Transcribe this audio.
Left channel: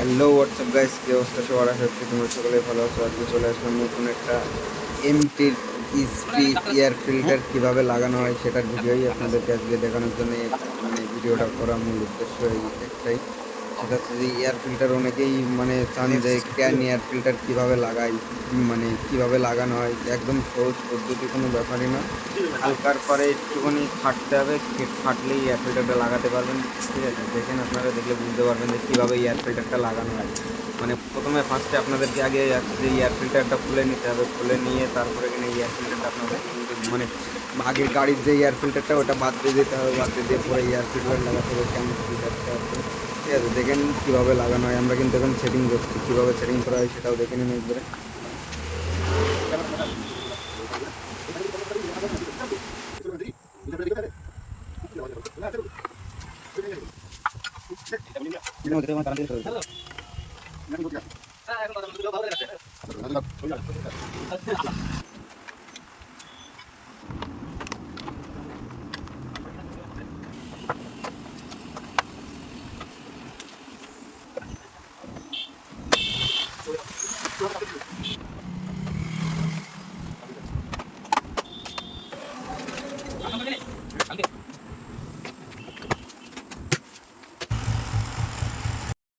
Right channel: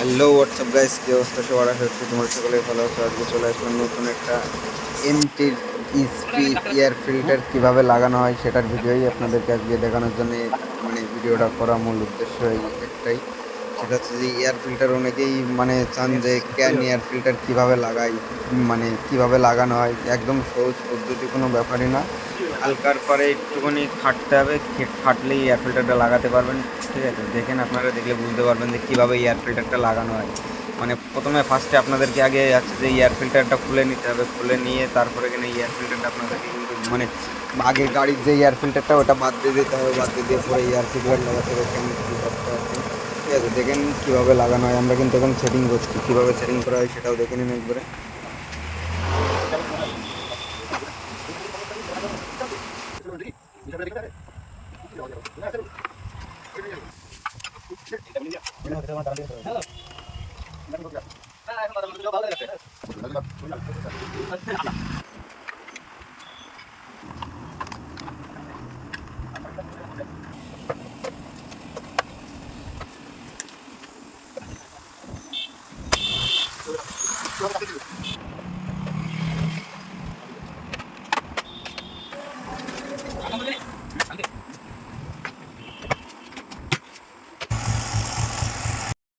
Hello WhatsApp guys কি অবস্থা? সবার আশা করছি তোমরা সকলে ভালো আছো। আজকে চলে আসলাম নতুন একটা এমটির ইসপি এয়ার ফিল্টার কীভাবে লাগানো হয় সেটার ভিডিওই আপনাদেরকে আজকে দেখানোর জন্য মানে ভিডিওটা করা মূল উদ্দেশ্য একটাই। সেটা হচ্ছে যে এয়ার ফিল্টার অনেকেই মানে চান যে ক্যান এয়ার ফিল্টার কীভাবে লাগাই মানে কীভাবে লাগানো হয়, একদম সহজ পদ্ধতি কোনো ব্যাপারই না। হালকার পরে একটুখানি খাটতে হবে খাটলেই এয়ার ফিল্টারটা লাগাতে পারবেন, ঠিক আছে? দেখেন আপনারা দেখলে বুঝতে পারবেন যে কীভাবে এয়ার ফিল্টারটা লাগানো হয়। মানে প্রথমে ফার্স্টে আপনাদেরকে আগে আছে যে এয়ার ফিল্টারটা খুলে নিতে হবে, খুলে নিয়ে তারপরে এখানে এয়ার ফিল্টারটা আপনাদেরকে কিন্তু মানে আগে গাড়ির যে এয়ার ফিল্টারটা ওটা বাদ দিয়ে দিতে হবে, বাদ দিয়ে পরে এয়ার ফিল্টার লাগাতে হবে ফিল্টারটা। ঠিক আছে, দেখেন কীভাবে লাগানো হয়। আমরা কিন্তু এখন সেটিং করছি। কীভাবে সেটিং করা হয় সেটাও দেখে নিন একবারে।